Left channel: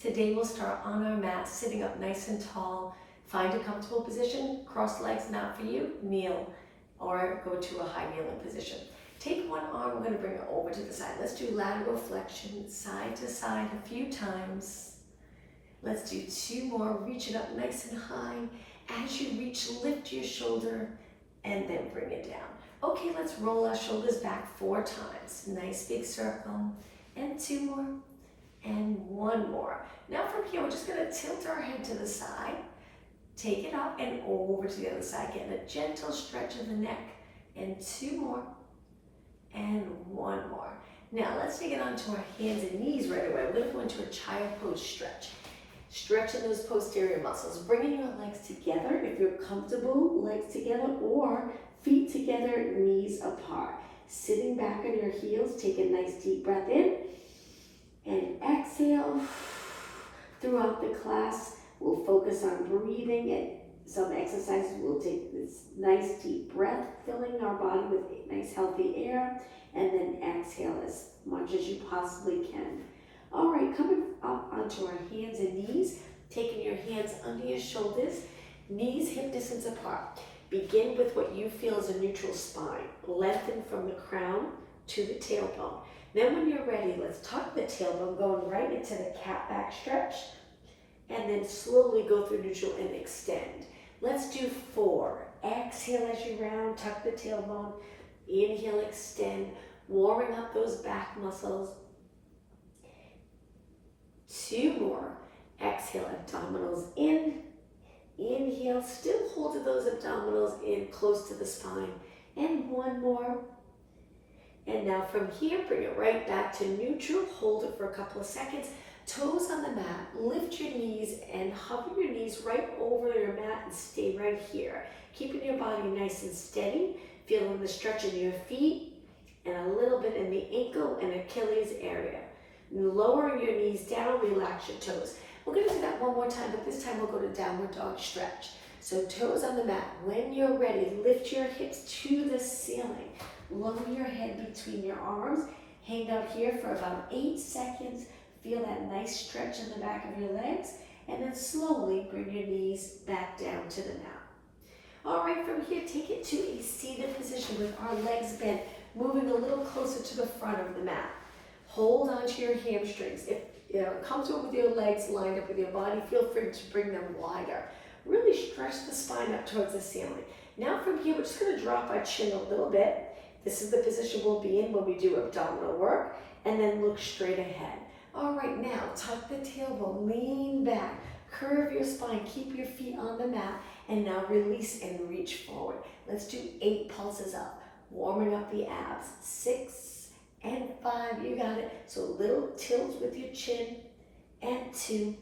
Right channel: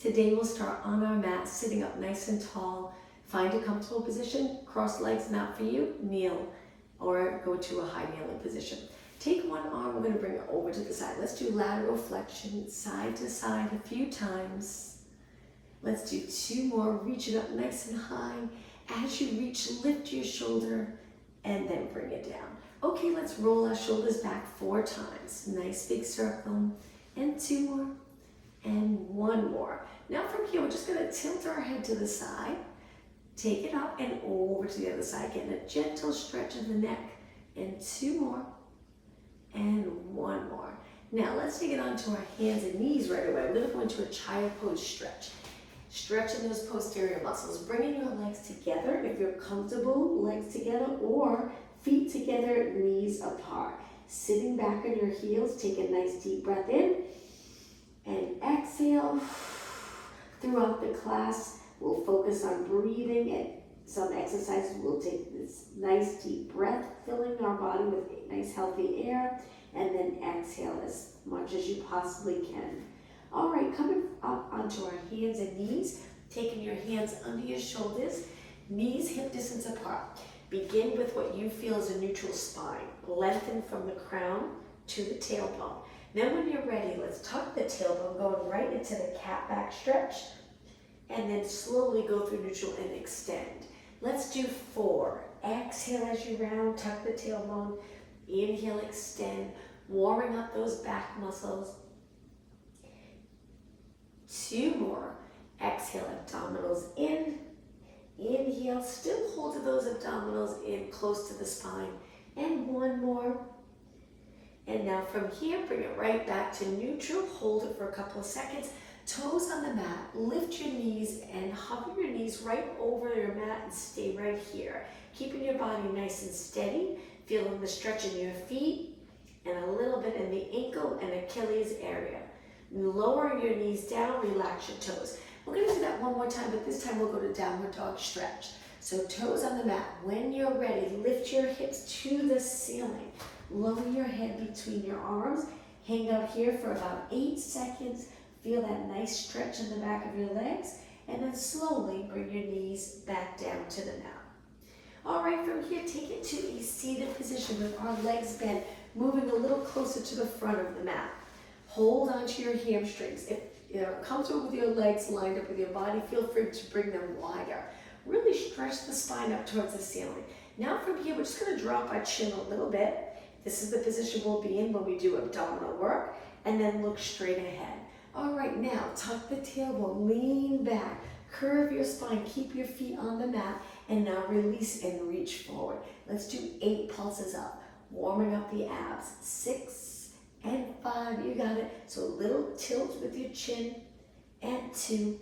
Today we'll start on our mat, sitting up nice and tall. Find a comfortable position, cross legs, not for you, kneel, or go to a high kneeling position. Take one arm, we're going to bring it over to the side. Let's do lateral flexion, side to side a few times. Let's do 2 more, reach it up nice and high. As you reach, lift your shoulder and then bring it down. Okay, let's roll our shoulders back 4 times. Nice big circle, and 2 more, and 1 more. Now from here, we're just going to tilt our head to the side, take it up and over to the other side, getting a gentle stretch of the neck, and 2 more, and 1 more. Now let's take it onto our hands and knees right away. We're going to go into a child pose stretch. Stretching those posterior muscles, bringing your legs together if you're comfortable, legs together, or feet together, knees apart. Sitting back on your heels, take a nice deep breath in and exhale. Throughout the class, we'll focus on breathing, and some exercises we'll take this nice deep breath, filling our body with nice healthy air, and then exhale as much as you possibly can. All right, coming up onto our hands and knees, taking your hands under your shoulders, knees hip distance apart. Begin with what you feel is a neutral spine. Lengthen from the crown to the tailbone. Then when you're ready, let's tuck the tailbone, going right into the cat back stretch, and then slowly go through neutral and extend. Let's do 4. Exhale as you round, tuck the tailbone. Inhale, extend, warming up those back muscles. 2 more. Exhale, abdominals in. Inhale, still hold those abdominals in close to the spine. And 1 more. And now from here, bring it right back to neutral. Hold it for a couple of seconds. Toes on the mat, lift your knees and hover your knees right over your mat and stay right here. Keeping your body nice and steady, feeling the stretch in your feet and a little bit in the ankle and Achilles area. Lowering your knees down, relax your toes. We're going to do that one more time, but this time we'll go to downward dog stretch. So toes on the mat. When you're ready, lift your hips to the ceiling. Lower your head between your arms. Hang out here for about 8 seconds. Feel that nice stretch in the back of your legs, and then slowly bring your knees back down to the mat. All right, from here, take it to a seated position with our legs bent, moving a little closer to the front of the mat. Hold onto your hamstrings. If you're comfortable with your legs lined up with your body, feel free to bring them wider. Really stretch the spine up towards the ceiling. Now from here, we're just going to drop our chin a little bit. This is the position we'll be in when we do abdominal work, and then look straight ahead. All right, now tuck the tailbone, lean back, curve your spine, keep your feet on the mat, and now release and reach forward. Let's do 8 pulses up, warming up the abs. 6 and 5, you got it. So a little tilt with your chin, and 2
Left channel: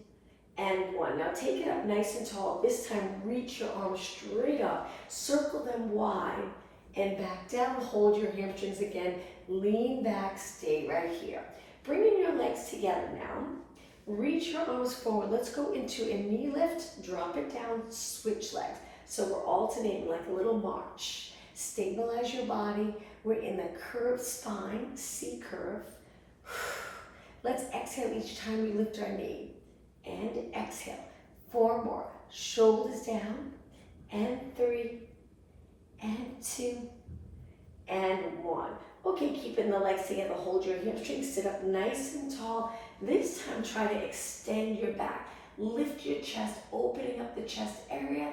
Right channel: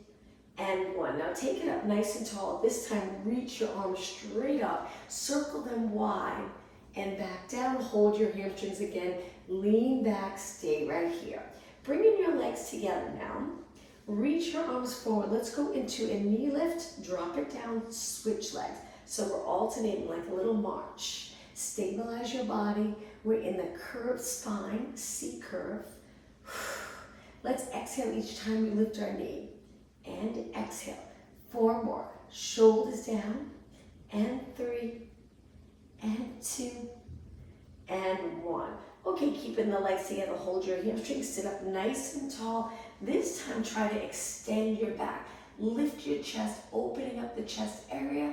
and 1. Now take it up nice and tall. This time, reach your arms straight up, circle them wide, and back down. Hold your hamstrings again, lean back, stay right here. Bringing your legs together now. Reach your arms forward. Let's go into a knee lift, drop it down, switch legs. So we're alternating like a little march. Stabilize your body. We're in the curved spine, C curve. Let's exhale each time we lift our knee. And exhale. 4 more. Shoulders down. And 3. And 2. And 1. Okay, keeping the legs together, hold your hamstrings, sit up nice and tall. This time, try to extend your back. Lift your chest, opening up the chest area,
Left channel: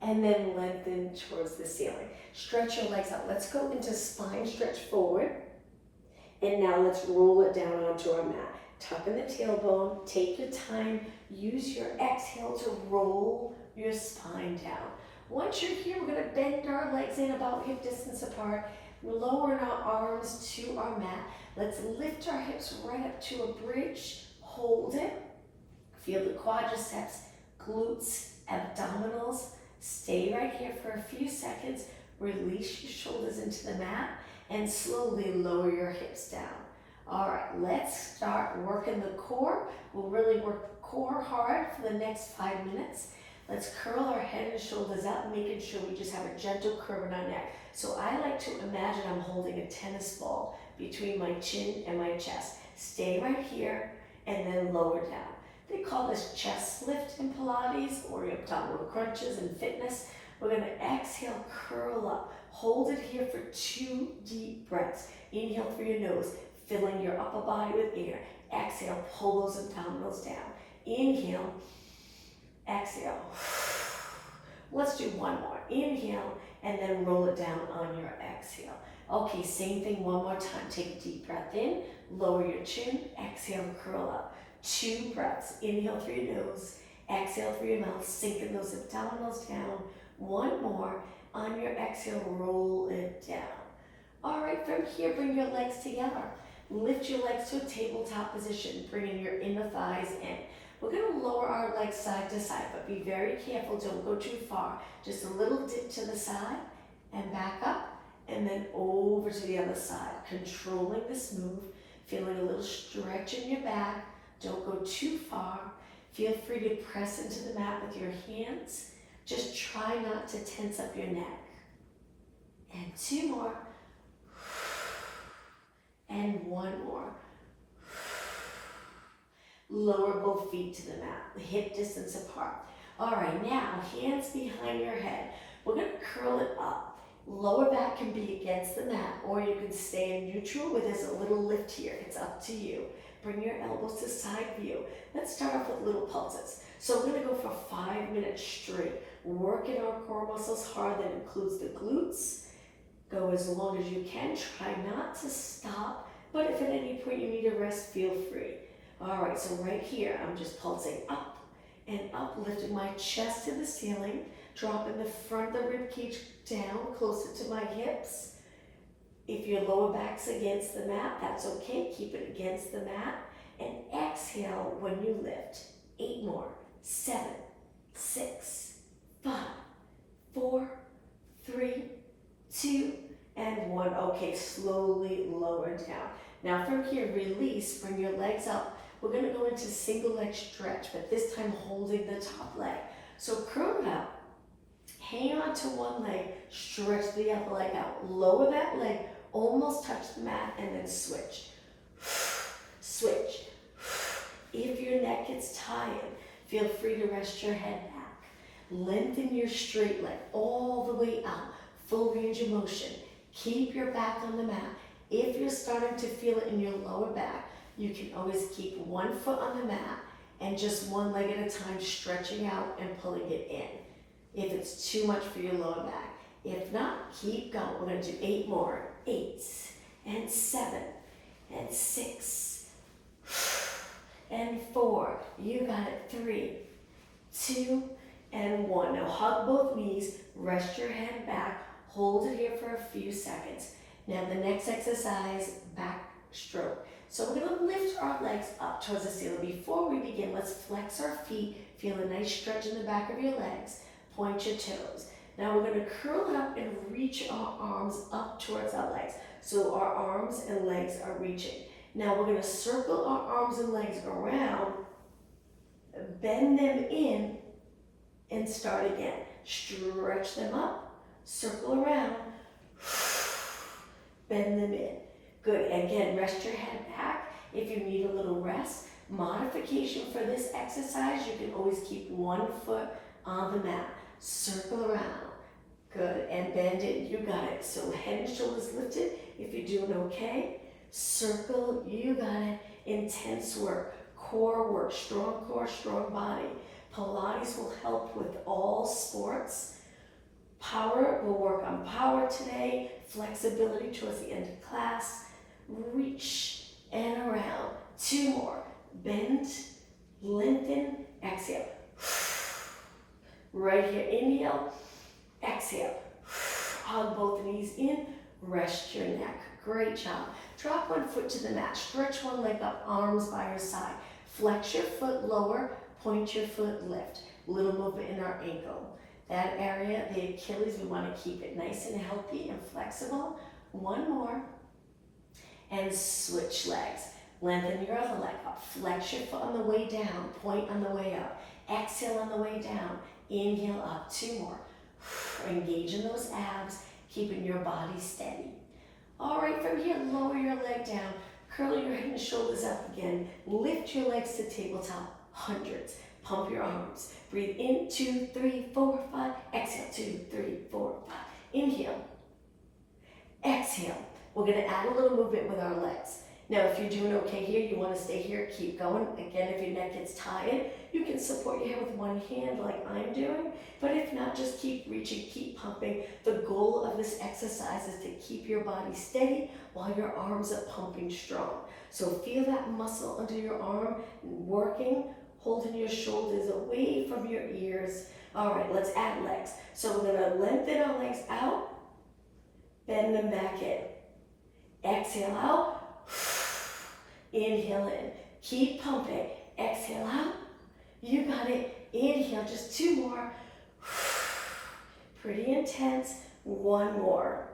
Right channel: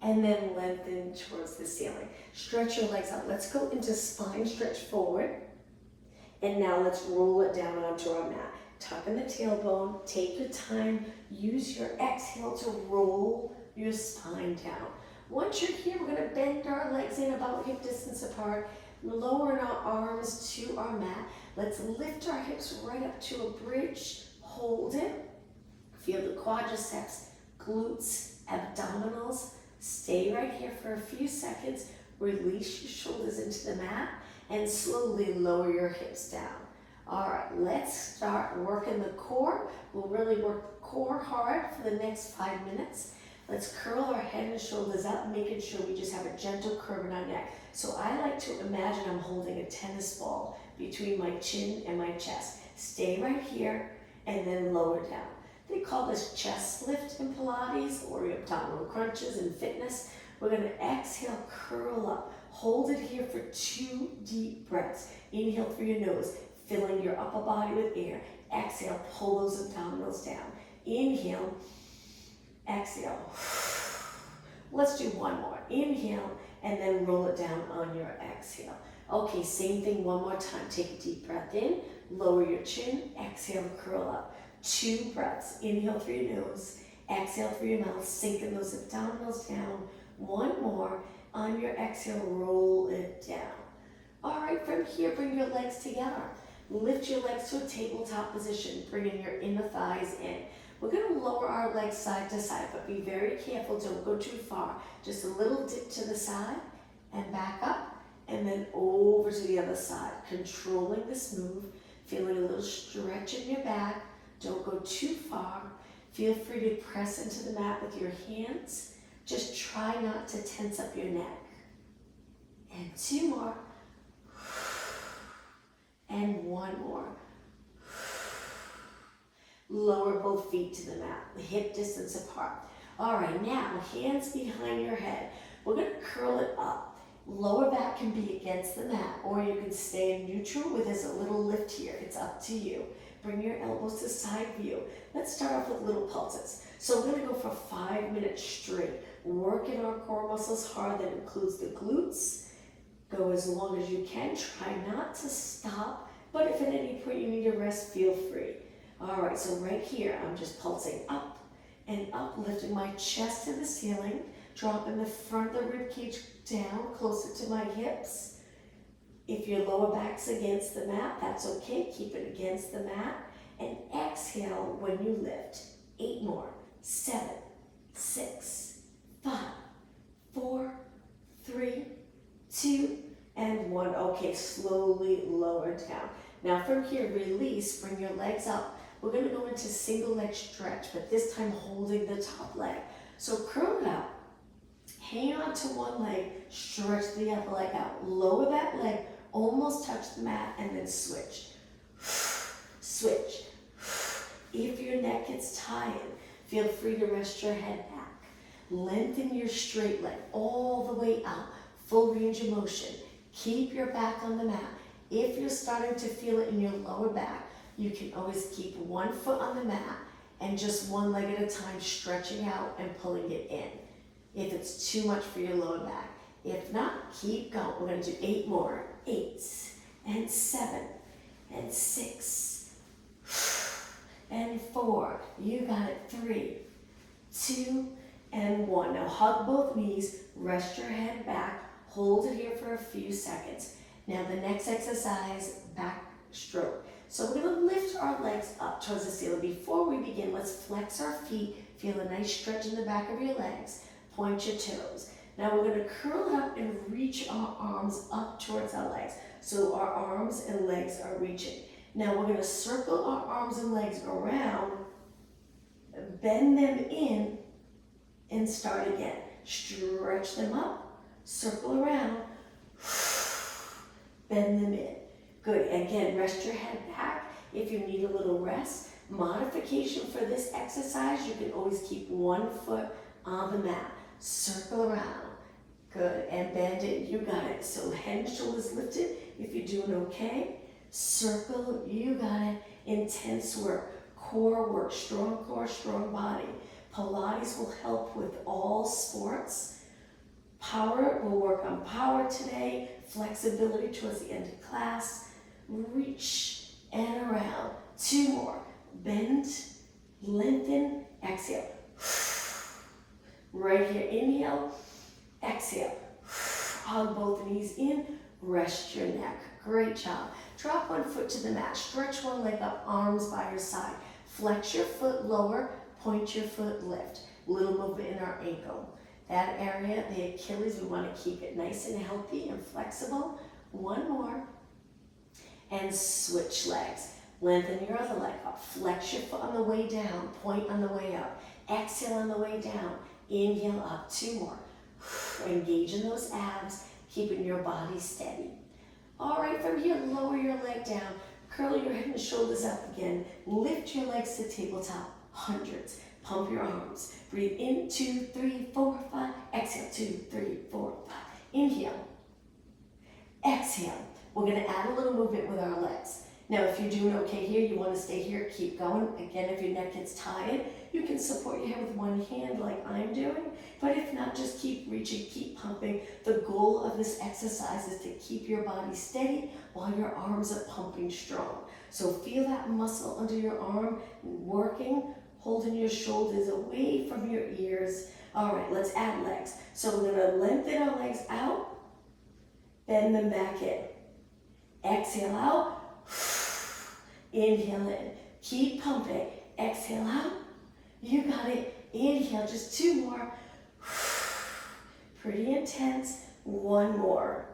and then lengthen towards the ceiling. Stretch your legs out. Let's go into spine stretch forward. And now let's roll it down onto our mat. Tuck in the tailbone, take your time, use your exhale to roll your spine down. Once you're here, we're gonna bend our legs in about hip distance apart. We're lowering our arms to our mat. Let's lift our hips right up to a bridge. Hold it. Feel the quadriceps, glutes, abdominals. Stay right here for a few seconds. Release your shoulders into the mat and slowly lower your hips down. All right, let's start working the core. We'll really work the core hard for the next 5 minutes. Let's curl our head and shoulders out, making sure we just have a gentle curve in our neck. So I like to imagine I'm holding a tennis ball between my chin and my chest. Stay right here and then lower down. They call this chest lift in Pilates or your abdominal crunches in fitness. We're going to exhale, curl up. Hold it here for 2 deep breaths. Inhale through your nose, filling your upper body with air. Exhale, pull those abdominals down. Inhale, exhale. Let's do one more. Inhale, and then roll it down on your exhale. Okay, same thing one more time. Take a deep breath in, lower your chin, exhale, curl up. 2 breaths. Inhale through your nose, exhale through your mouth, sinking those abdominals down. One more. On your exhale, roll it down. All right, from here, bring your legs together. Lift your legs to a tabletop position, bringing your inner thighs in. We're going to lower our legs side to side, but be very careful, don't go too far. Just a little dip to the side and back up, and then over to the other side. Controlling this move, feeling a little stretch in your back. Don't go too far. Feel free to press into the mat with your hands. Just try not to tense up your neck. And 2 more. And 1 more. Lower both feet to the mat, hip distance apart. All right, now hands behind your head. We're going to curl it up. Lower back can be against the mat, or you can stay in neutral where there's a little lift here. It's up to you. Bring your elbows to side view. Let's start off with little pulses. So we're going to go for 5 minutes straight. Working our core muscles hard. That includes the glutes. Go as long as you can. Try not to stop, but if at any point you need a rest, feel free. All right, so right here, I'm just pulsing up and up, lifting my chest to the ceiling, dropping the front of the rib cage down closer to my hips. If your lower back's against the mat, that's okay. Keep it against the mat. And exhale when you lift. 8 more. 7, 6, 5, 4, 3, 2, and 1. Okay, slowly lower down. Now from here, release, bring your legs up. We're going to go into single leg stretch, but this time holding the top leg. So curl it out. Hang on to one leg, stretch the other leg out. Lower that leg, almost touch the mat, and then switch. Switch. If your neck gets tired, feel free to rest your head back. Lengthen your straight leg all the way out. Full range of motion. Keep your back on the mat. If you're starting to feel it in your lower back, you can always keep 1 foot on the mat and just one leg at a time, stretching out and pulling it in. If it's too much for your lower back. If not, keep going. We're going to do 8 more. 8 and 7 and 6 and 4. You got it. 3, 2, and 1. Now hug both knees, rest your head back, hold it here for a few seconds. Now the next exercise, back stroke. So we're going to lift our legs up towards the ceiling. Before we begin, let's flex our feet. Feel a nice stretch in the back of your legs. Point your toes. Now we're going to curl it up and reach our arms up towards our legs. So our arms and legs are reaching. Now we're going to circle our arms and legs around, bend them in, and start again. Stretch them up, circle around, bend them in. Good. Again, rest your head back. If you need a little rest, modification for this exercise, you can always keep 1 foot on the mat. Circle around. Good. And bend it. You got it. So head and shoulders lifted. If you're doing okay, circle. You got it. Intense work. Core work. Strong core, strong body. Pilates will help with all sports. Power, we'll work on power today. Flexibility towards the end of class. Reach and around. 2 more. Bend, lengthen, exhale. Right here, inhale, exhale. Hug both knees in, rest your neck. Great job. Drop 1 foot to the mat. Stretch one leg up, arms by your side. Flex your foot lower, point your foot lift. Little movement in our ankle. That area, the Achilles, we want to keep it nice and healthy and flexible. 1 more. And switch legs. Lengthen your other leg up. Flex your foot on the way down. Point on the way up. Exhale on the way down. Inhale up. 2 more. Engage in those abs, keeping your body steady. All right, from here, lower your leg down. Curl your head and shoulders up again. Lift your legs to tabletop. hundreds. Pump your arms. Breathe in, 2, 3, 4, 5. Exhale, 2, 3, 4, 5. Inhale. Exhale. We're going to add a little movement with our legs. Now, if you're doing okay here, you want to stay here, keep going. Again, if your neck gets tired, you can support your head with one hand like I'm doing. But if not, just keep reaching, keep pumping. The goal of this exercise is to keep your body steady while your arms are pumping strong. So feel that muscle under your arm working, holding your shoulders away from your ears. All right, let's add legs. So we're going to lengthen our legs out, bend them back in. Exhale out. Inhale in. Keep pumping. Exhale out. You got it. Inhale, just 2 more. Pretty intense. 1 more.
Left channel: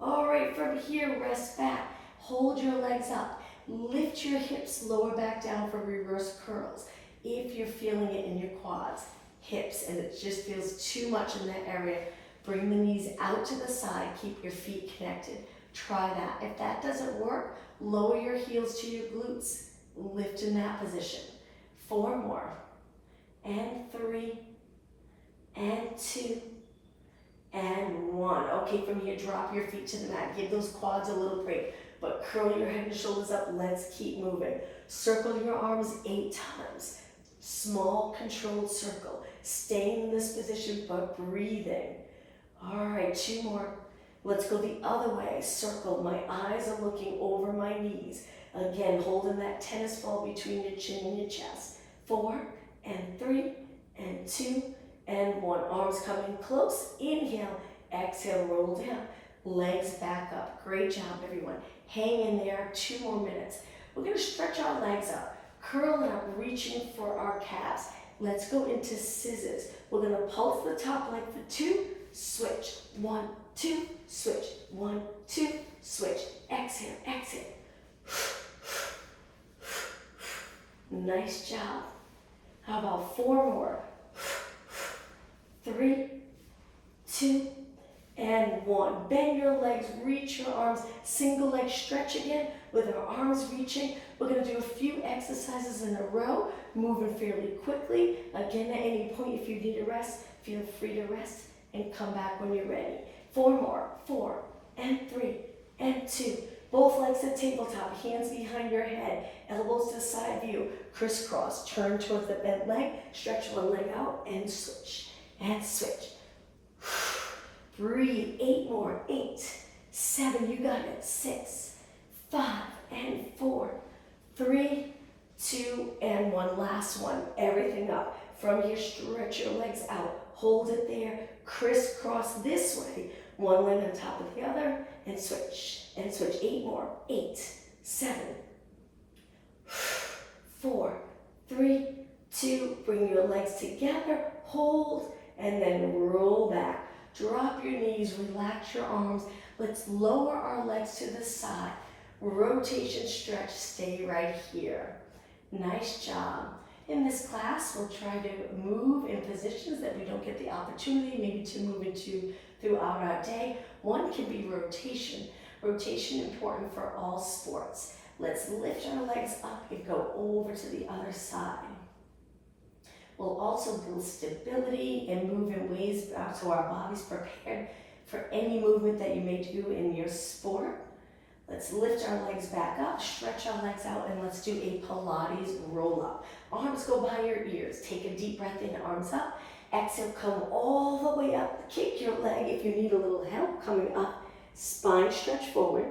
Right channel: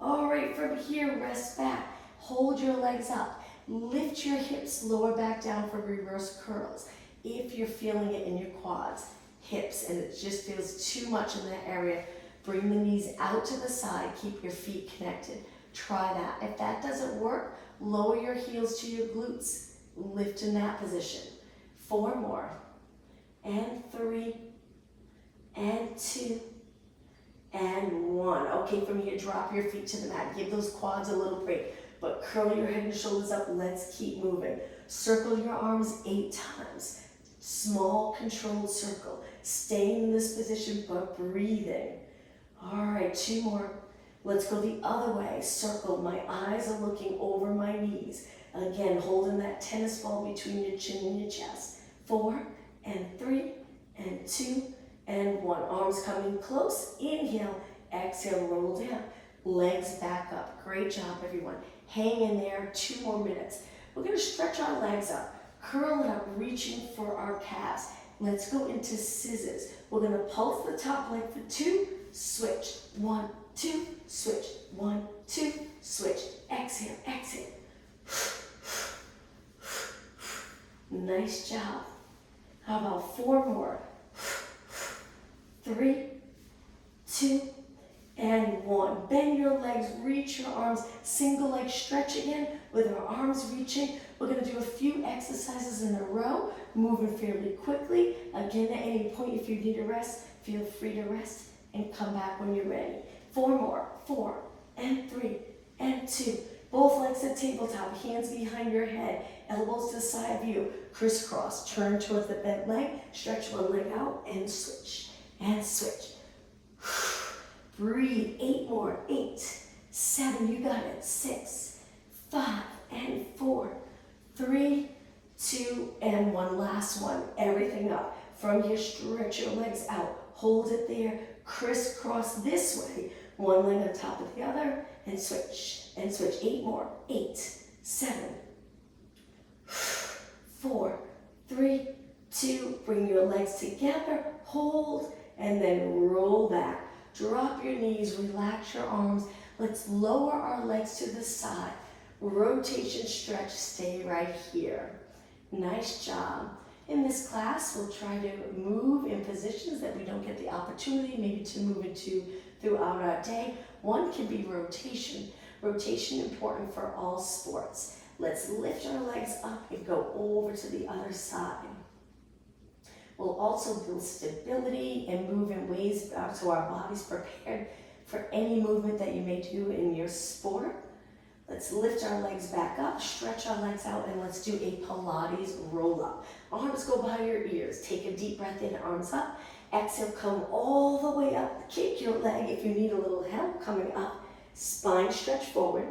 All right, from here, rest back. Hold your legs up. Lift your hips lower back down for reverse curls. If you're feeling it in your quads, hips, and it just feels too much in that area, bring the knees out to the side. Keep your feet connected. Try that. If that doesn't work, lower your heels to your glutes. Lift in that position. 4 more. And 3. And 2. And 1. Okay, from here, drop your feet to the mat. Give those quads a little break. But curl your head and shoulders up. Let's keep moving. Circle your arms 8 times. Small, controlled circle. Staying in this position, but breathing. All right, 2 more. Let's go the other way. Circle. My eyes are looking over my knees. Again, holding that tennis ball between your chin and your chest. 4 and 3 and 2 and 1. Arms coming close. Inhale. Exhale. Roll down. Legs back up. Great job, everyone. Hang in there. 2 more minutes. We're going to stretch our legs up. Curl it up, reaching for our calves. Let's go into scissors. We're going to pulse the top leg for 2. Switch. 1, 2. Switch. 1, 2. Switch. Exhale. Exhale. Nice job. How about 4 more? 3, 2, and 1. Bend your legs, reach your arms. Single leg stretch again with our arms reaching. We're going to do a few exercises in a row, moving fairly quickly. Again, at any point, if you need a rest, feel free to rest and come back when you're ready. 4 more. 4 and 3 and 2. Both legs at tabletop, hands behind your head, elbows to the side view, crisscross. Turn towards the bent leg, stretch one leg out and switch. And switch. Breathe. 8 more. 8, 7, you got it. 6, 5, and 4, 3, 2, and 1. Last one. Everything up. From here, stretch your legs out. Hold it there. Crisscross this way. One leg on top of the other. And switch. And switch. 8 more. 8, 7, 4, 3, 2. Bring your legs together. Hold. And then roll back. Drop your knees. Relax your arms. Let's lower our legs to the side. Rotation, stretch. Stay right here. Nice job. In this class, we'll try to move in positions that we don't get the opportunity maybe to move into throughout our day. One can be rotation. Rotation important for all sports. Let's lift our legs up and go over to the other side. We'll also build stability and move in ways so our body's prepared for any movement that you may do in your sport. Let's lift our legs back up, stretch our legs out, and let's do a Pilates roll up. Arms go by your ears. Take a deep breath in, arms up. Exhale, come all the way up. Kick your leg if you need a little help coming up. Spine stretch forward.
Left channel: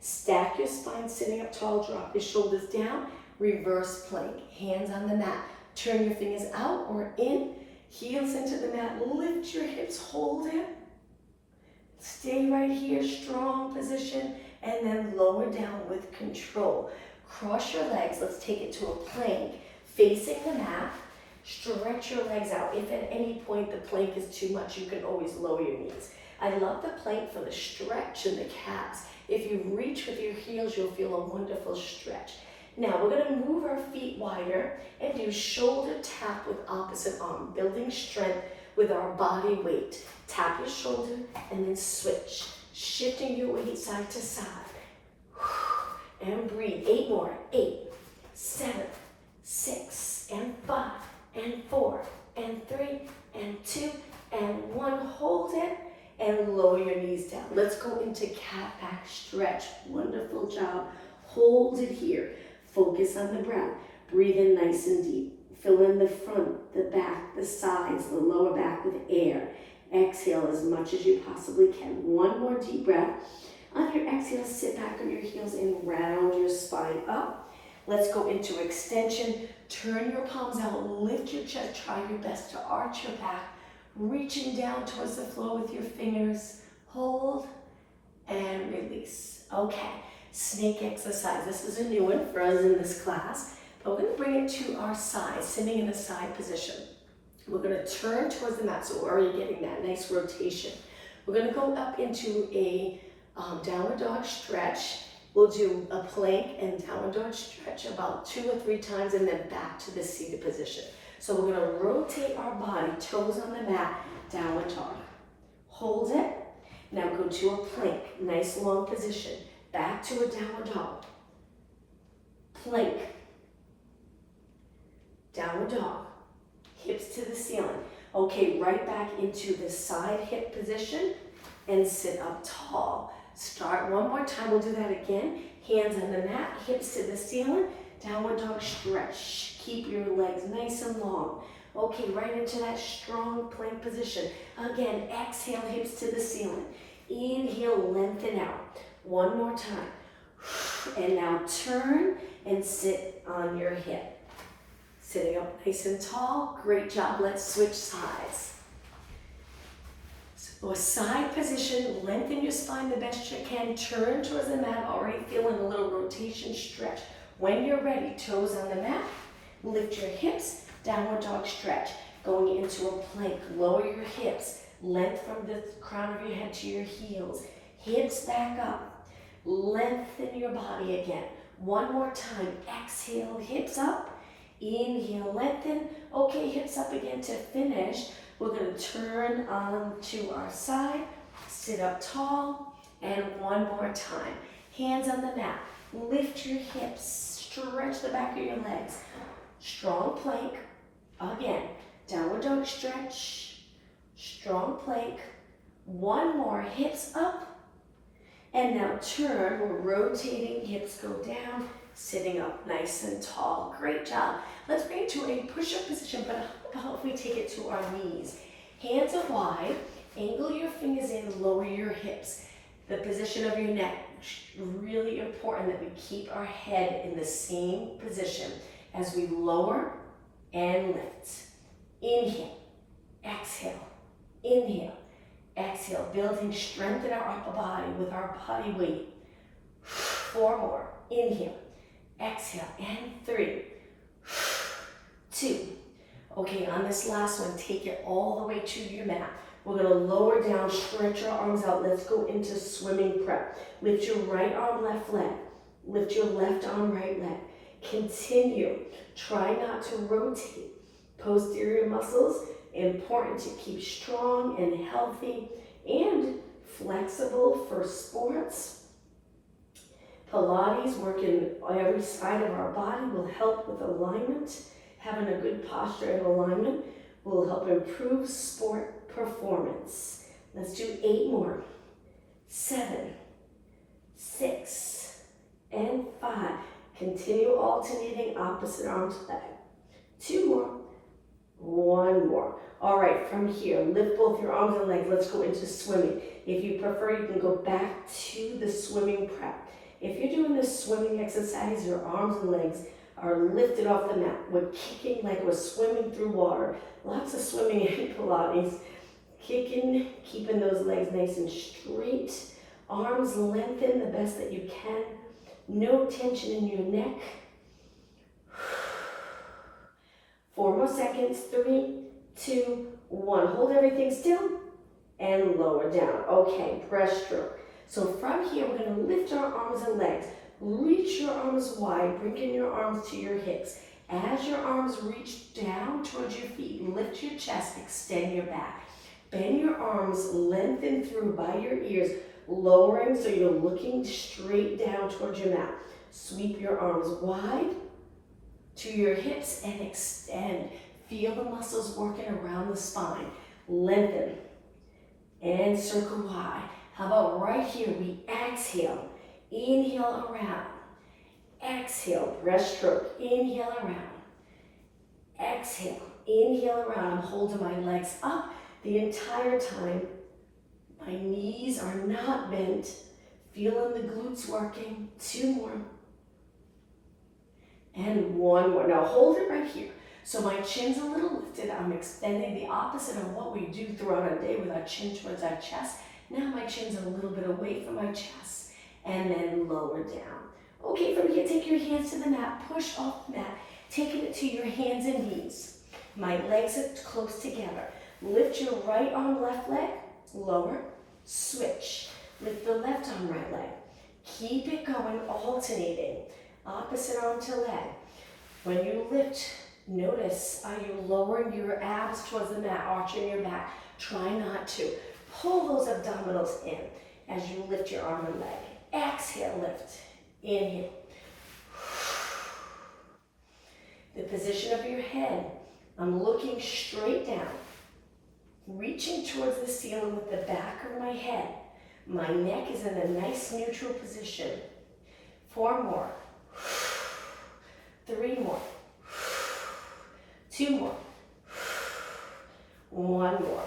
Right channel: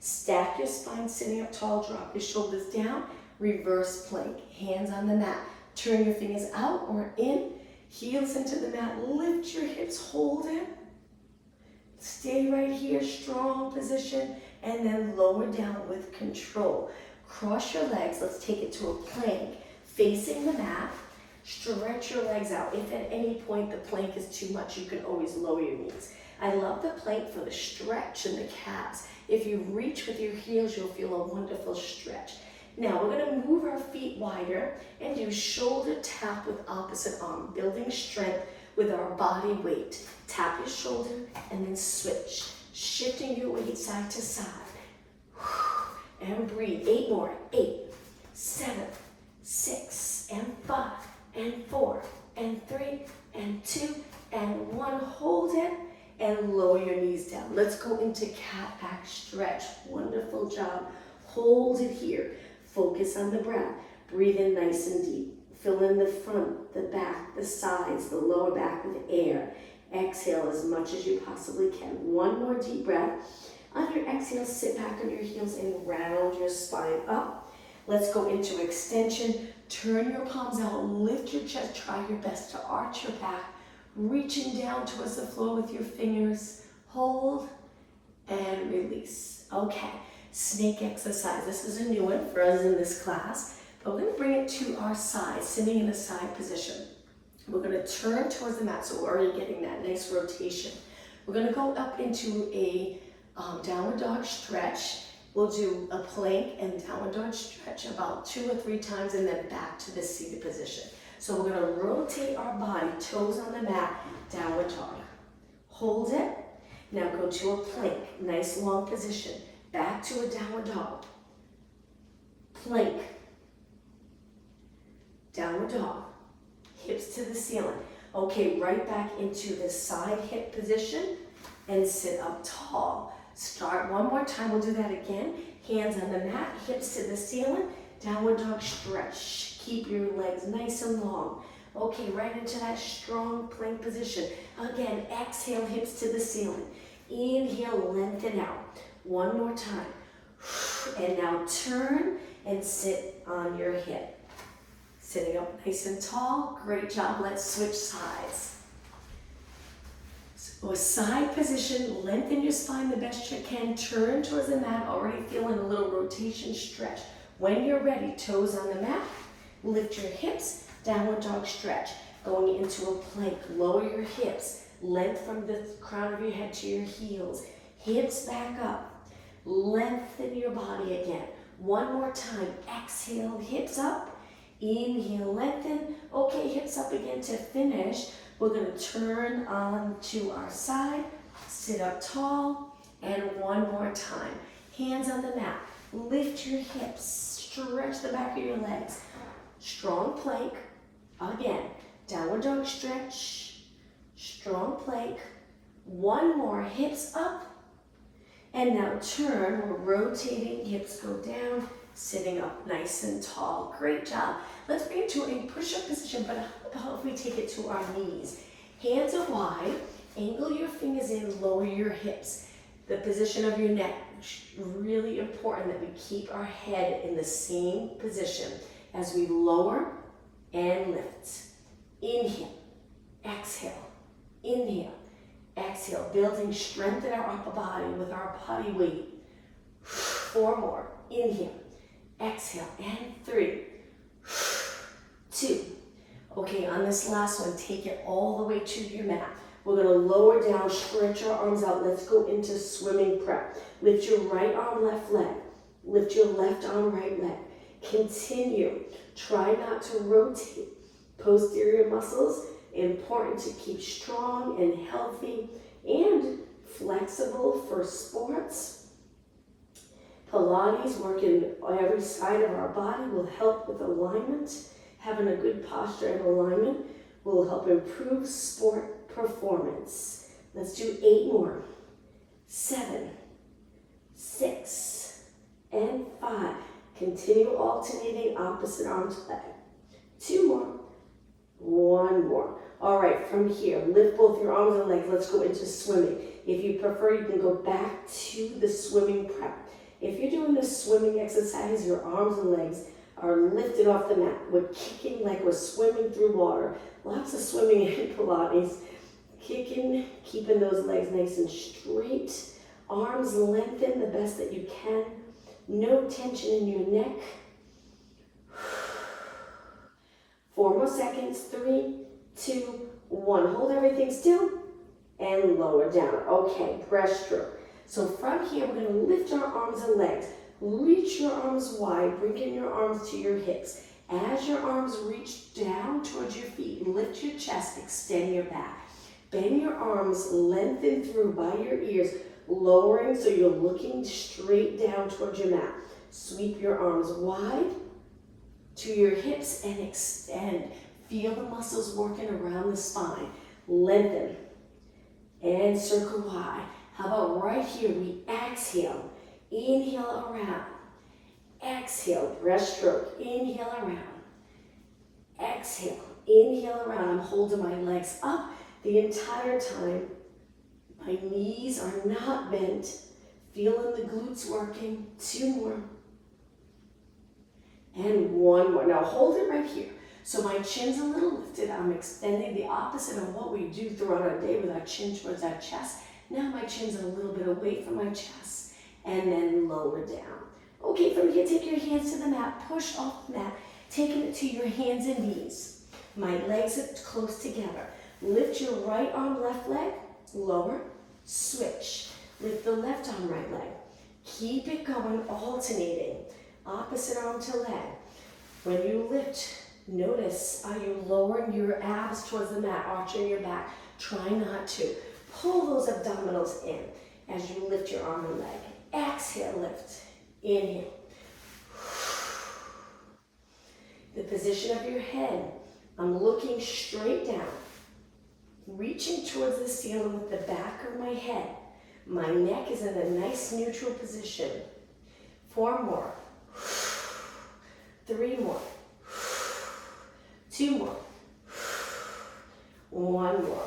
Stack your spine sitting up tall, drop your shoulders down. Reverse plank, hands on the mat. Turn your fingers out or in. Heels into the mat. Lift your hips, hold it. Stay right here, strong position. And then lower down with control. Cross your legs. Let's take it to a plank. Facing the mat. Stretch your legs out. If at any point the plank is too much, you can always lower your knees. I love the plank for the stretch in the calves. If you reach with your heels, you'll feel a wonderful stretch. Now we're going to move our feet wider and do shoulder tap with opposite arm, building strength with our body weight. Tap your shoulder and then switch, shifting your weight side to side. And breathe. 8 more. 8, 7, 6, and 5 and 4 and 3 and 2 and 1. Hold it and lower your knees down. Let's go into cat back stretch. Wonderful job. Hold it here. Focus on the breath. Breathe in nice and deep. Fill in the front, the back, the sides, the lower back with air. Exhale as much as you possibly can. One more deep breath. On your exhale, sit back on your heels and round your spine up. Let's go into extension. Turn your palms out, lift your chest. Try your best to arch your back. Reaching down towards the floor with your fingers. Hold and release. Okay, snake exercise. This is a new one for us in this class, but we're going to bring it to our side, sitting in a side position. We're going to turn towards the mat, so we're already getting that nice rotation. We're going to go up into a downward dog stretch. We'll do a plank and downward dog stretch about 2 or 3 times and then back to the seated position. So we're going to rotate our body, toes on the mat, downward dog. Hold it. Now go to a plank, nice long position. Back to a downward dog. Plank. Downward dog. Hips to the ceiling. Okay, right back into the side hip position and sit up tall. Start one more time. We'll do that again. Hands on the mat, hips to the ceiling. Downward dog stretch. Keep your legs nice and long. Okay, right into that strong plank position. Again, exhale, hips to the ceiling. Inhale, lengthen out. One more time. And now turn and sit on your hip. Sitting up nice and tall. Great job. Let's switch sides. So a side position, lengthen your spine the best you can. Turn towards the mat, already feeling a little rotation stretch. When you're ready, toes on the mat, lift your hips, downward dog stretch. Going into a plank, lower your hips, length from the crown of your head to your heels. Hips back up, lengthen your body again. One more time, exhale, hips up. Inhale, lengthen. Okay, hips up again to finish. We're going to turn on to our side, sit up tall, and one more time. Hands on the mat. Lift your hips, stretch the back of your legs. Strong plank. Again, downward dog stretch. Strong plank. One more, hips up. And now turn, we're rotating, hips go down. Sitting up nice and tall. Great job. Let's bring it to a push-up position, but how about if we take it to our knees? Hands are wide, angle your fingers in, lower your hips. The position of your neck, really important that we keep our head in the same position as we lower and lift. Inhale, exhale, inhale, exhale, building strength in our upper body with our body weight. 4 more. Inhale. Exhale, and 3, 2. Okay, on this last one, take it all the way to your mat. We're going to lower down, stretch our arms out. Let's go into swimming prep. Lift your right arm, left leg. Lift your left arm, right leg. Continue. Try not to rotate. Posterior muscles, important to keep strong and healthy and flexible for sports. Pilates, working on every side of our body, will help with alignment. Having a good posture and alignment will help improve sport performance. Let's do 8 more. 7, 6, and 5. Continue alternating opposite arm to leg. 2 more. 1 more. All right, from here, lift both your arms and legs. Let's go into swimming. If you prefer, you can go back to the swimming prep. If you're doing this swimming exercise, your arms and legs are lifted off the mat. We're kicking like we're swimming through water. Lots of swimming in Pilates. Kicking, keeping those legs nice and straight. Arms lengthen the best that you can. No tension in your neck. 4 more seconds. 3, 2, 1. Hold everything still and lower down. Okay, breaststroke. So from here, we're going to lift our arms and legs. Reach your arms wide, bringing your arms to your hips. As your arms reach down towards your feet, lift your chest, extend your back. Bend your arms, lengthen through by your ears, lowering so you're looking straight down towards your mat. Sweep your arms wide. to your hips and extend. Feel the muscles working around the spine. Lengthen and circle wide. How about right here? We exhale. Inhale around. Exhale, breaststroke. Inhale around. Exhale, inhale around. I'm holding my legs up the entire time. My knees are not bent. Feeling the glutes working. 2 more. And 1 more. Now hold it right here. So my chin's a little lifted. I'm extending the opposite of what we do throughout our day with our chin towards our chest. Now my chin's a little bit away from my chest. And then lower down. Okay, from here, take your hands to the mat. Push off the mat. Taking it to your hands and knees. My legs are close together. Lift your right arm, left leg. Lower. Switch. Lift the left arm, right leg. Keep it going, alternating. Opposite arm to leg. When you lift, notice, are you lowering your abs towards the mat, arching your back? Try not to. Pull those abdominals in as you lift your arm and leg. Exhale, lift. Inhale. The position of your head. I'm looking straight down. Reaching towards the ceiling with the back of my head. My neck is in a nice neutral position. 4 more. 3 more. 2 more. 1 more.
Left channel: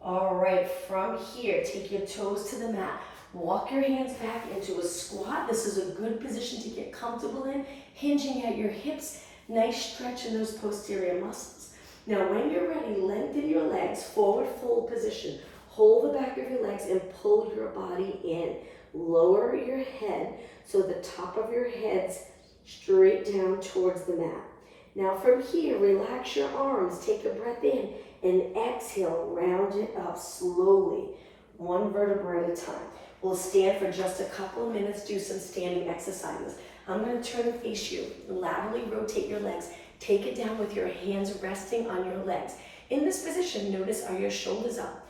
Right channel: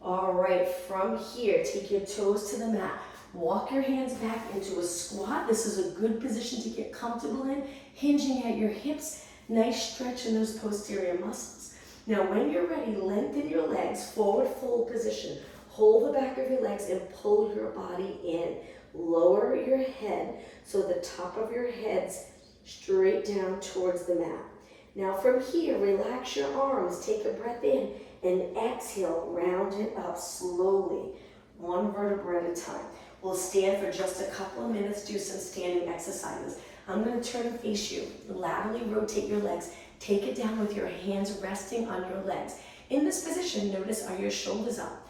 All right, from here, take your toes to the mat. Walk your hands back into a squat. This is a good position to get comfortable in. Hinging at your hips. Nice stretch in those posterior muscles. Now, when you're ready, lengthen your legs, forward fold position. Hold the back of your legs and pull your body in. Lower your head so the top of your head's straight down towards the mat. Now from here, relax your arms. Take a breath in and exhale. Round it up slowly, 1 vertebra at a time. We'll stand for just a couple of minutes, do some standing exercises. I'm going to turn and face you. Laterally rotate your legs. Take it down with your hands resting on your legs. In this position, notice, are your shoulders up?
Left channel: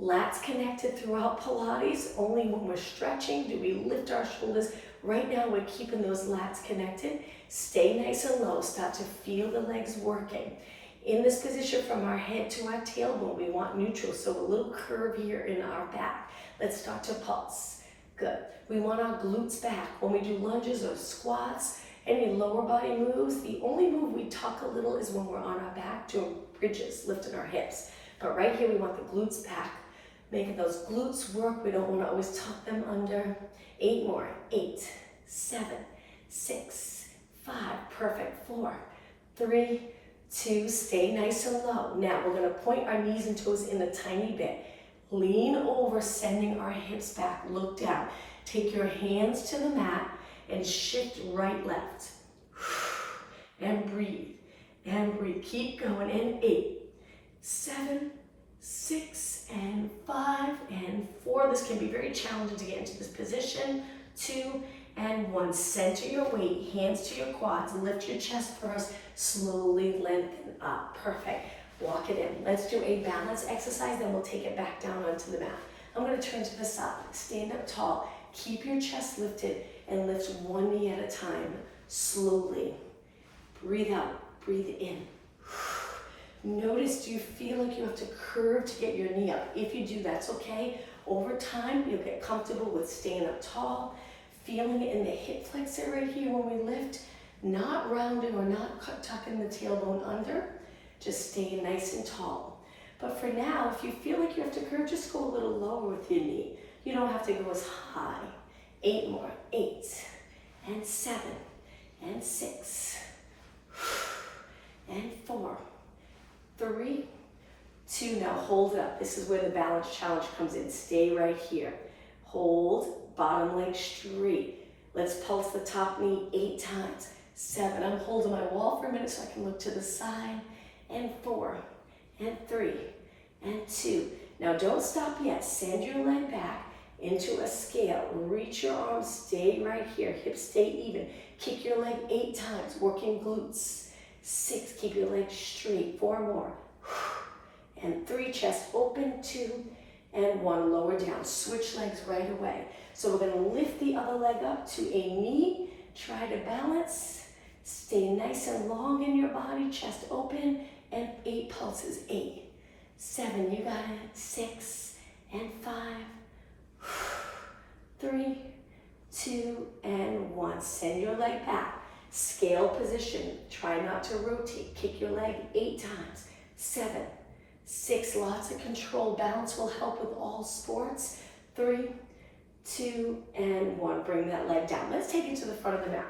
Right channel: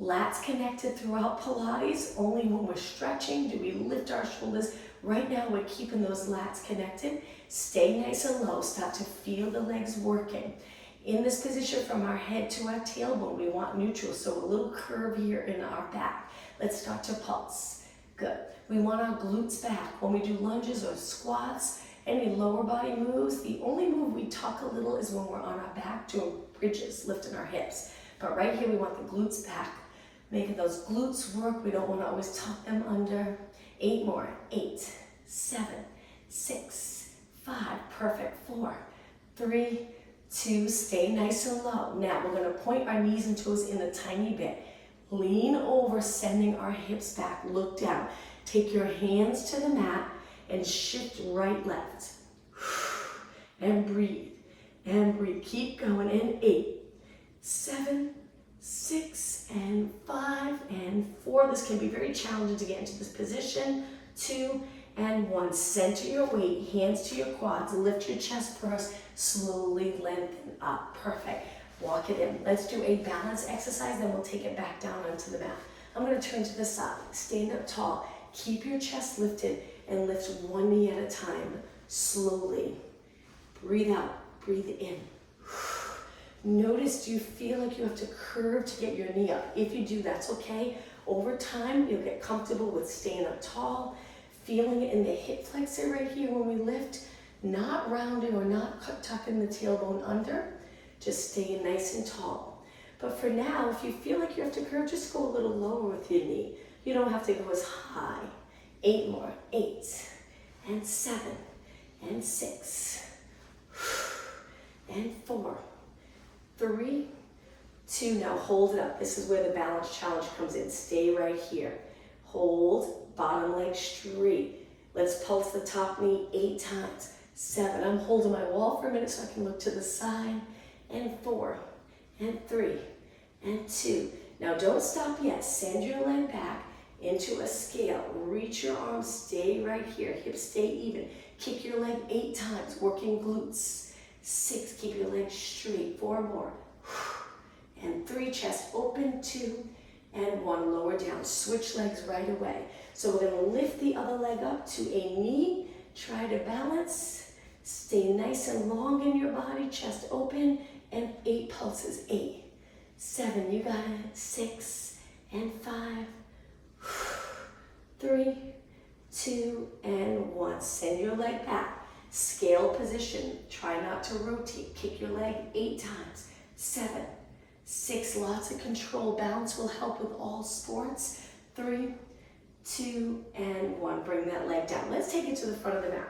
Lats connected throughout Pilates. Only when we're stretching do we lift our shoulders. Right now, we're keeping those lats connected. Stay nice and low. Start to feel the legs working. In this position, from our head to our tailbone, we want neutral, so a little curve here in our back. Let's start to pulse. Good. We want our glutes back. When we do lunges or squats, any lower body moves, the only move we tuck a little is when we're on our back doing bridges, lifting our hips. But right here, we want the glutes back. Making those glutes work. We don't want to always tuck them under. 8 more. 8, 7, 6, 5. Perfect. 4, 3, 2. Stay nice and low. Now we're going to point our knees and toes in a tiny bit. Lean over, sending our hips back. Look down. Take your hands to the mat and shift right, left. And breathe. And breathe. Keep going. And 8, 7, 6, and 5, and 4. This can be very challenging to get into this position. 2, and 1. Center your weight, hands to your quads. Lift your chest first. Slowly lengthen up. Perfect. Walk it in. Let's do a balance exercise, then we'll take it back down onto the mat. I'm going to turn to the side. Stand up tall. Keep your chest lifted and lift 1 knee at a time. Slowly. Breathe out. Breathe in. Notice, do you feel like you have to curve to get your knee up? If you do, that's okay. Over time, you'll get comfortable with staying up tall, feeling it in the hip flexor right here when we lift, not rounding or not tucking the tailbone under, just staying nice and tall. But for now, if you feel like you have to curve, just go a little lower with your knee. You don't have to go as high. 8 more. 8, and 7, and 6, and 4, 3, 2. Now hold it up. This is where the balance challenge comes in. Stay right here. Hold, bottom leg straight. Let's pulse the top knee 8 times. 7. I'm holding my wall for a minute so I can look to the side. And 4, and 3, and 2. Now don't stop yet. Send your leg back into a scale. Reach your arms. Stay right here. Hips stay even. Kick your leg 8 times. Working glutes. 6. Keep your legs straight. 4 more. And 3. Chest open. 2, and 1. Lower down. Switch legs right away. So we're going to lift the other leg up to a knee. Try to balance. Stay nice and long in your body, chest open, and 8 pulses. 8, 7, you got it. 6 and 5, 3, 2, and 1. Send your leg back. Scale position. Try not to rotate. Kick your leg 8 times. 7, 6, lots of control. Balance will help with all sports. 3, 2, and 1. Bring that leg down. Let's take it to the front of the mat.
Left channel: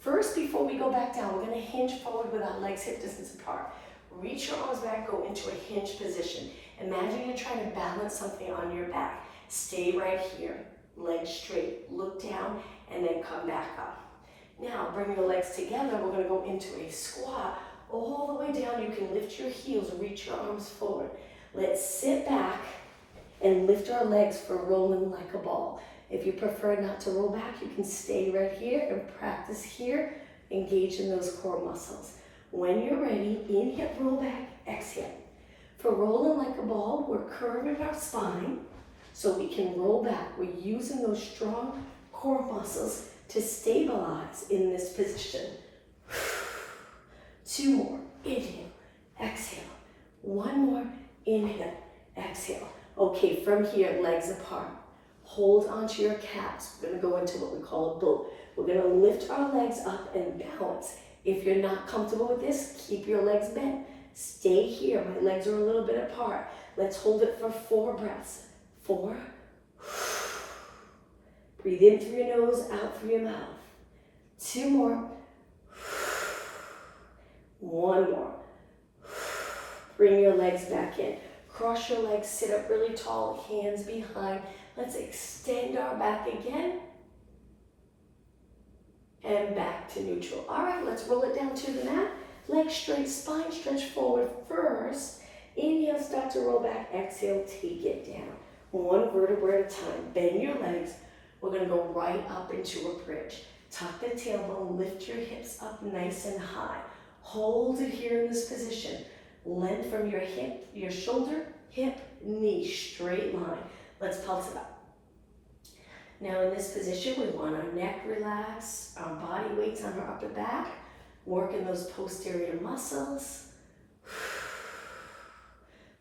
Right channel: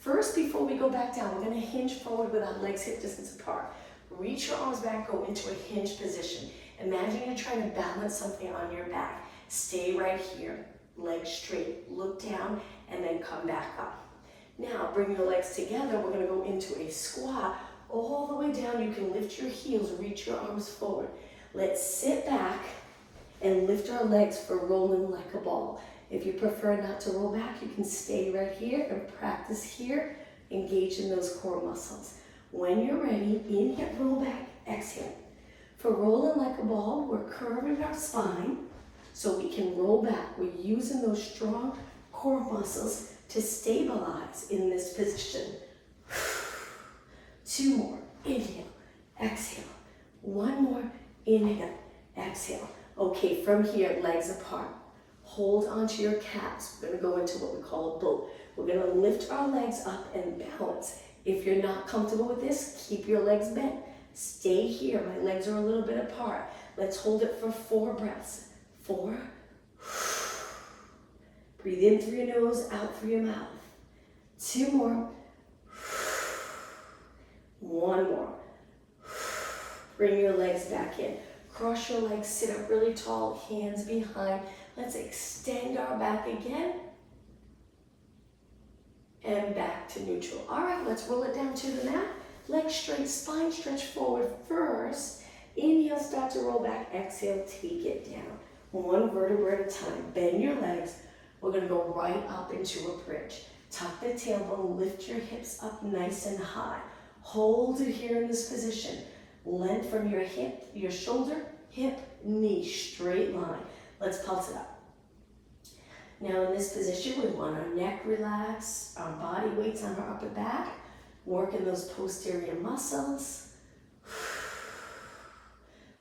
First, before we go back down, we're going to hinge forward with our legs hip distance apart. Reach your arms back, go into a hinge position. Imagine you're trying to balance something on your back. Stay right here, legs straight, look down, and then come back up. Now, bring your legs together. We're going to go into a squat. All the way down, you can lift your heels, reach your arms forward. Let's sit back and lift our legs for rolling like a ball. If you prefer not to roll back, you can stay right here and practice here, engage in those core muscles. When you're ready, inhale, roll back, exhale. For rolling like a ball, we're curving our spine so we can roll back. We're using those strong core muscles to stabilize in this position. 2 more, inhale, exhale. 1 more, inhale, exhale. Okay, from here, legs apart. Hold onto your calves. We're going to go into what we call a boat. We're going to lift our legs up and balance. If you're not comfortable with this, keep your legs bent. Stay here. My legs are a little bit apart. Let's hold it for 4 breaths. 4. Breathe in through your nose, out through your mouth. 2 more. 1 more. Bring your legs back in. Cross your legs, sit up really tall, hands behind. Let's extend our back again. And back to neutral. All right, let's roll it down to the mat. Legs straight, spine stretch forward first. Inhale, start to roll back. Exhale, take it down. 1 vertebra at a time. Bend your legs. We're going to go right up into a bridge. Tuck the tailbone, lift your hips up nice and high. Hold it here in this position. Length from your hip, your shoulder, hip, knee, straight line. Let's pulse it up. Now in this position, we want our neck relaxed, our body weights on our upper back, working those posterior muscles.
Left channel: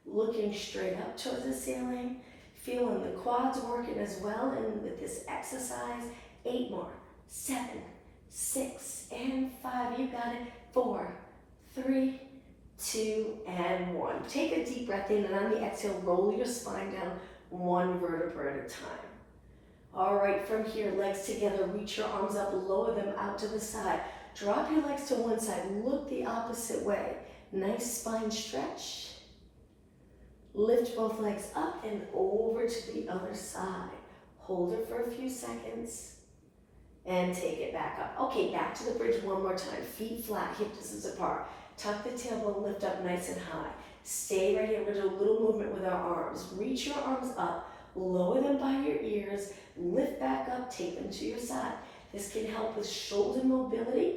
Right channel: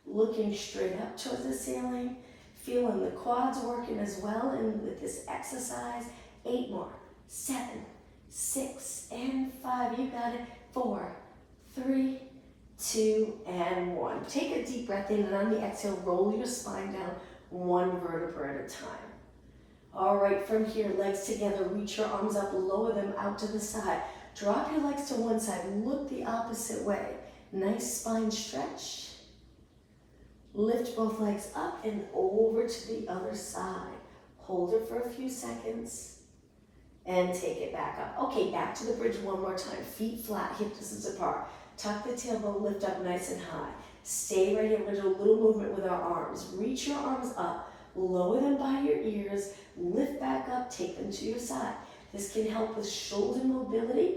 Looking straight up towards the ceiling, feeling the quads working as well. And with this exercise, 8 more, 7, 6, and 5. You got it. 4, 3, 2, and 1. Take a deep breath in, and on the exhale, roll your spine down 1 vertebra at a time. All right, from here, legs together, reach your arms up, lower them out to the side. Drop your legs to one side, look the opposite way. Nice spine stretch. Lift both legs up and over to the other side. Hold it for a few seconds and take it back up. Okay, back to the bridge 1 more time. Feet flat, hip distance apart. Tuck the tailbone, lift up nice and high. Stay right here. We're going to do a little movement with our arms. Reach your arms up, lower them by your ears, lift back up, take them to your side. This can help with shoulder mobility.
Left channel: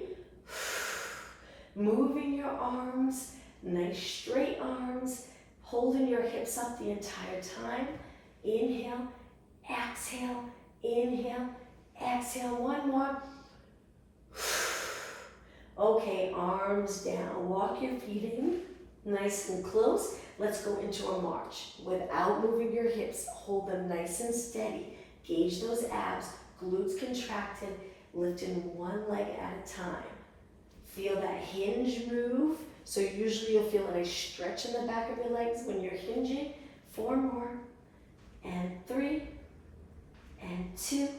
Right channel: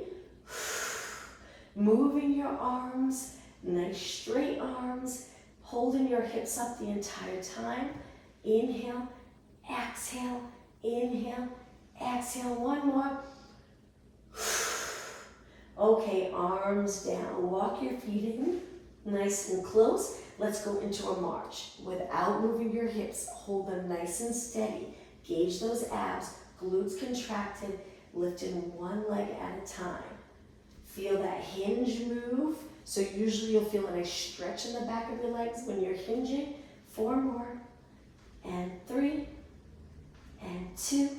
Moving your arms, nice straight arms, holding your hips up the entire time. Inhale, exhale, inhale, exhale. 1 more. Okay, arms down. Walk your feet in, nice and close. Let's go into a march. Without moving your hips, hold them nice and steady. Gauge those abs, glutes contracted, lifting 1 leg at a time. Feel that hinge move. So usually you'll feel a nice stretch in the back of your legs when you're hinging. 4 more, and 3, and 2,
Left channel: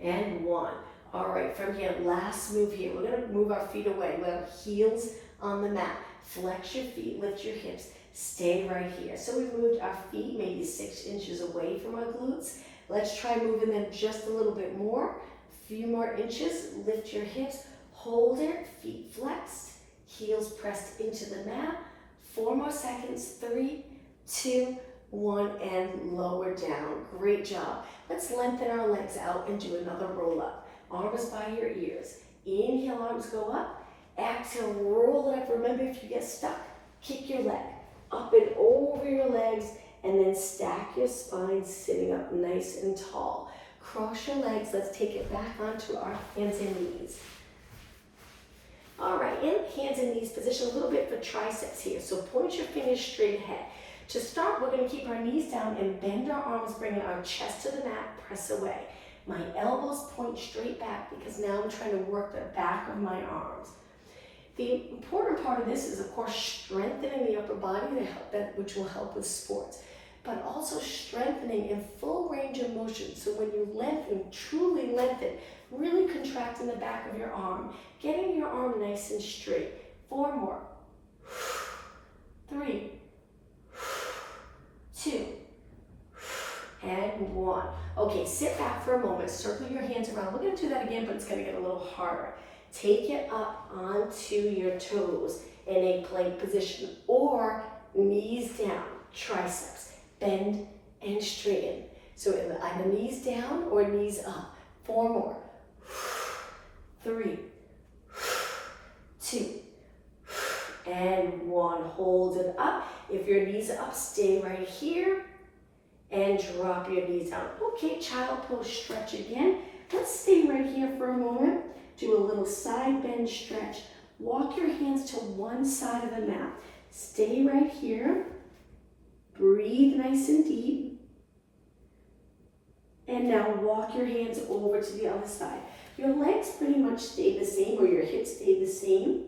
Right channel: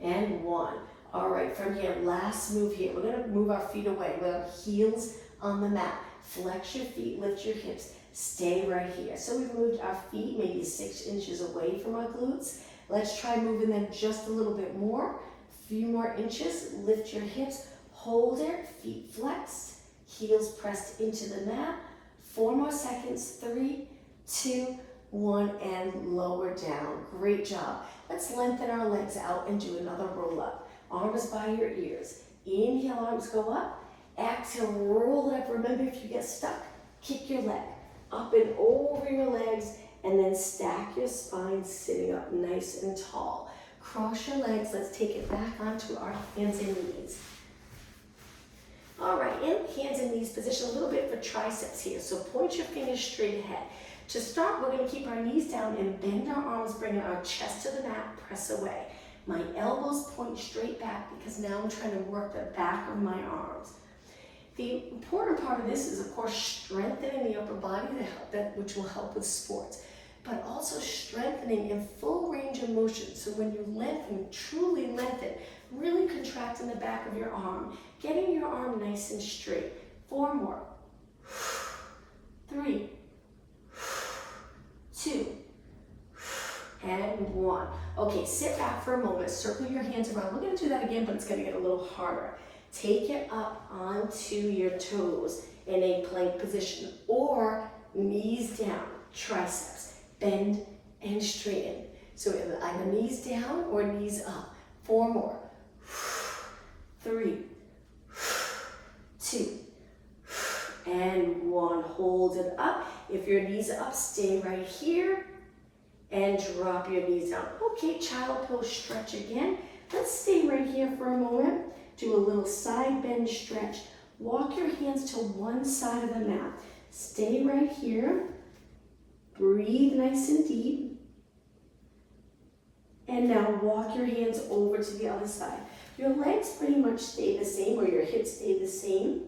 and 1. All right, from here, last move here. We're gonna move our feet away with our heels on the mat. Flex your feet, lift your hips, stay right here. So we moved our feet maybe 6 inches away from our glutes. Let's try moving them just a little bit more. A few more inches, lift your hips, hold it, feet flexed, heels pressed into the mat. 4 more seconds, 3, 2, 1, and lower down. Great job. Let's lengthen our legs out and do another roll up. Arms by your ears. Inhale, arms go up. Exhale, roll it up. Remember, if you get stuck, kick your leg up and over your legs, and then stack your spine sitting up nice and tall. Cross your legs. Let's take it back onto our hands and knees. All right, in hands and knees position, a little bit for triceps here. So point your fingers straight ahead. To start, we're going to keep our knees down and bend our arms, bringing our chest to the mat, press away. My elbows point straight back because now I'm trying to work the back of my arms. The important part of this is, of course, strengthening the upper body, which will help with sports, but also strengthening in full range of motion. So when you lengthen, truly lengthen, really contracting the back of your arm, getting your arm nice and straight. 4 more. 3, 2, and 1. Okay, sit back for a moment, circle your hands around. We're going to do that again, but it's going to get a little harder. Take it up onto your toes in a plank position, or knees down, triceps, bend and straighten. So either knees down or knees up. 4 more. 3, 2, and 1. Hold it up. If your knees are up, stay right here and drop your knees down. Okay, child pose stretch again. Let's stay right here for a moment. Do a little side bend stretch. Walk your hands to one side of the mat. Stay right here. Breathe nice and deep. And now walk your hands over to the other side. Your legs pretty much stay the same, or your hips stay the same.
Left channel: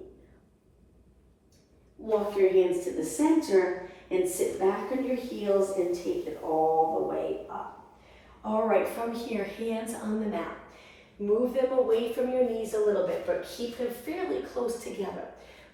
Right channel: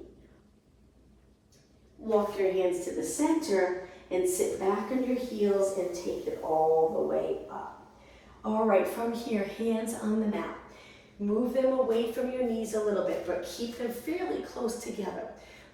Walk your hands to the center and sit back on your heels and take it all the way up. All right, from here, hands on the mat. Move them away from your knees a little bit, but keep them fairly close together.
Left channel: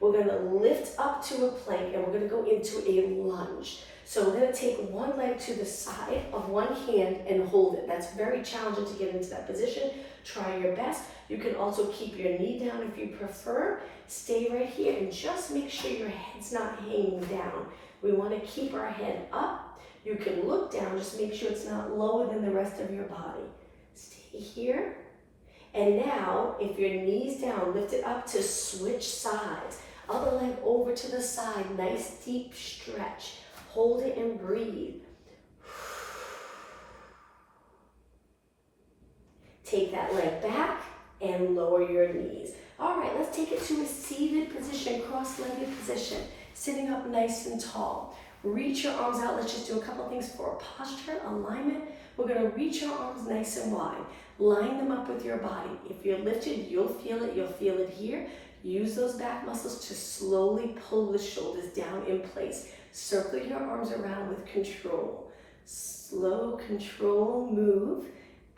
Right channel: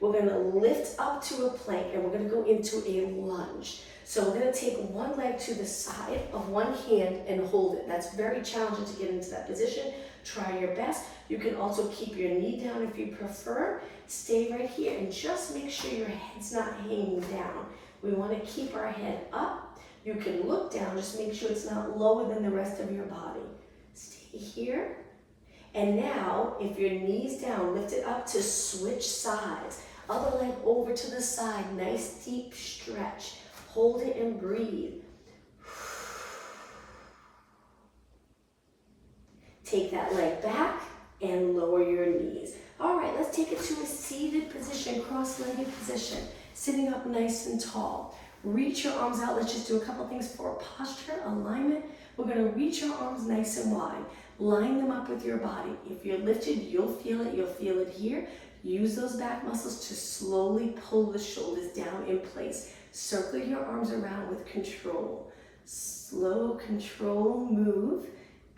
We're going to lift up to a plank and we're going to go into a lunge. So we're going to take one leg to the side of one hand and hold it. That's very challenging to get into that position. Try your best. You can also keep your knee down if you prefer. Stay right here and just make sure your head's not hanging down. We want to keep our head up. You can look down, just make sure it's not lower than the rest of your body. Stay here. And now, if your knee's down, lift it up to switch sides. Other leg over to the side, nice deep stretch. Hold it and breathe. Take that leg back and lower your knees. All right, let's take it to a seated position, cross-legged position. Sitting up nice and tall. Reach your arms out. Let's just do a couple things for posture, alignment. We're going to reach your arms nice and wide. Line them up with your body. If you're lifted, you'll feel it. You'll feel it here. Use those back muscles to slowly pull the shoulders down in place. Circle your arms around with control. Slow control move.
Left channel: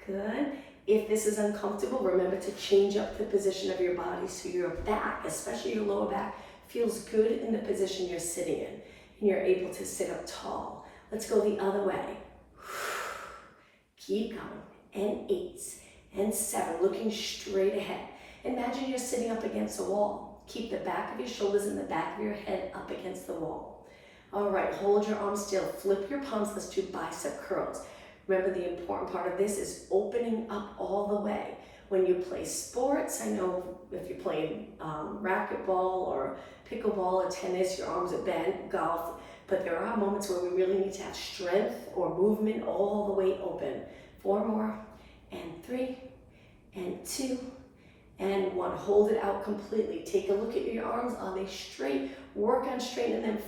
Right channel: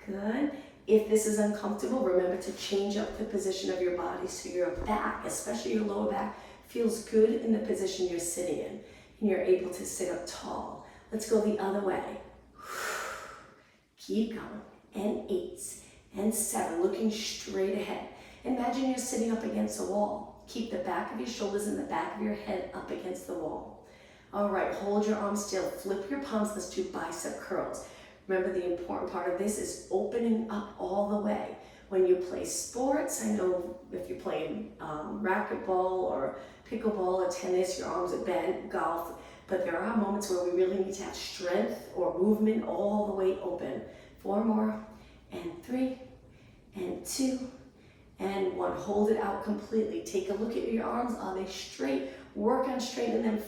Good. If this is uncomfortable, remember to change up the position of your body so your back, especially your lower back, feels good in the position you're sitting in. And you're able to sit up tall. Let's go the other way. Keep going. And 8 and 7, looking straight ahead. Imagine you're sitting up against a wall. Keep the back of your shoulders and the back of your head up against the wall. All right, hold your arms still. Flip your palms. Let's do bicep curls. Remember, the important part of this is opening up all the way. When you play sports, I know if you're playing racquetball or pickleball or tennis, your arms are bent, golf, but there are moments where we really need to have strength or movement all the way open. 4 more, and 3, and 2, and 1. Hold it out completely. Take a look at your arms. Are they straight? Work on straightening them.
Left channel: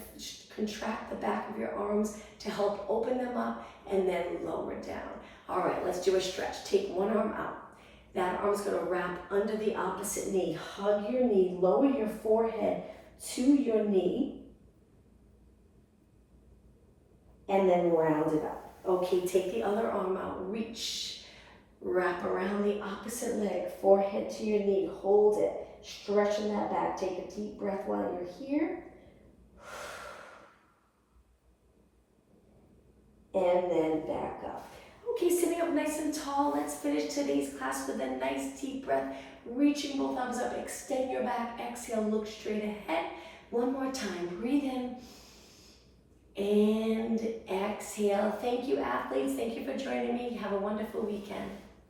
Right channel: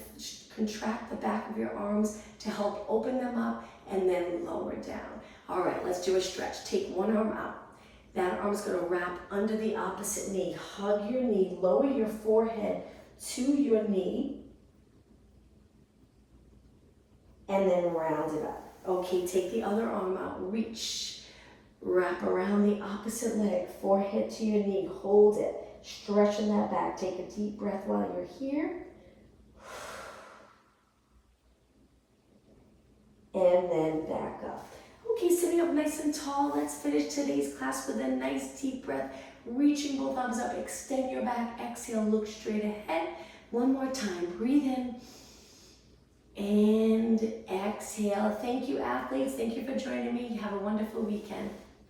Contract the back of your arms to help open them up, and then lower down. All right, let's do a stretch. Take one arm out. That arm's going to wrap under the opposite knee. Hug your knee. Lower your forehead to your knee, and then round it up. Okay, take the other arm out, reach, wrap around the opposite leg, forehead to your knee, hold it, stretching that back. Take a deep breath while you're here. And then back up. Okay, sitting up nice and tall. Let's finish today's class with a nice deep breath, reaching both arms up, extend your back, exhale, look straight ahead. One more time, breathe in. And exhale. Thank you, athletes. Thank you for joining me. Have a wonderful weekend.